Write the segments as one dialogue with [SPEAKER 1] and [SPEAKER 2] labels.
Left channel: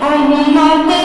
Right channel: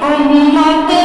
[SPEAKER 1] উম্মতে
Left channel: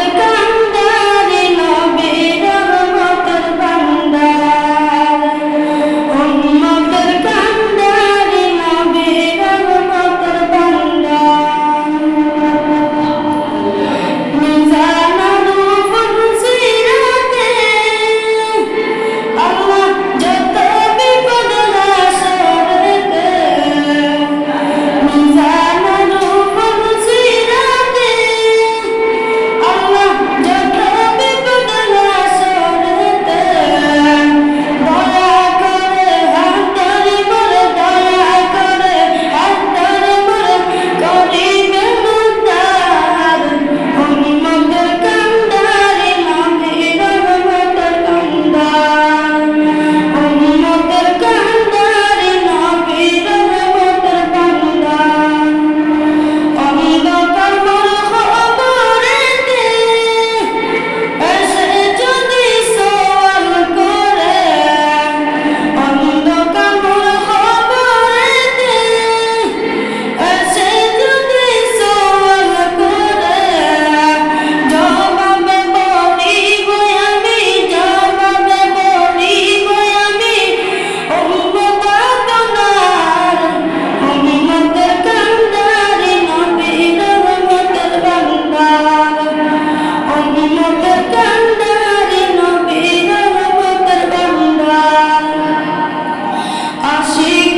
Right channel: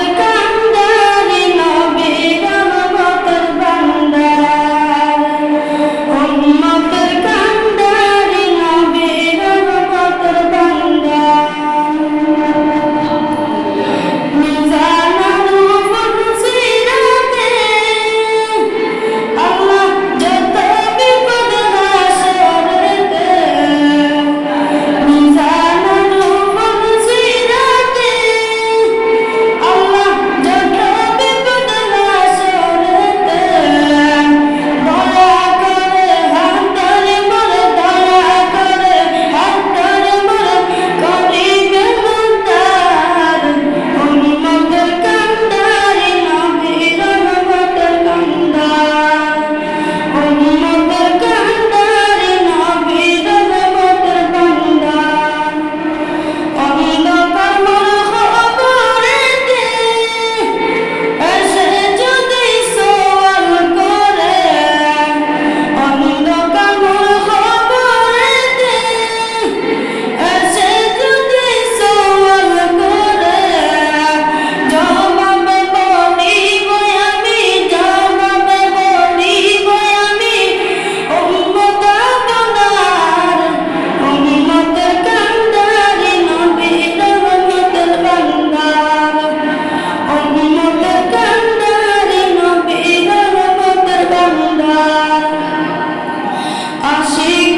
[SPEAKER 1] রহমতের কান্ডারে নবীর রহমতের কান্ডার আশিক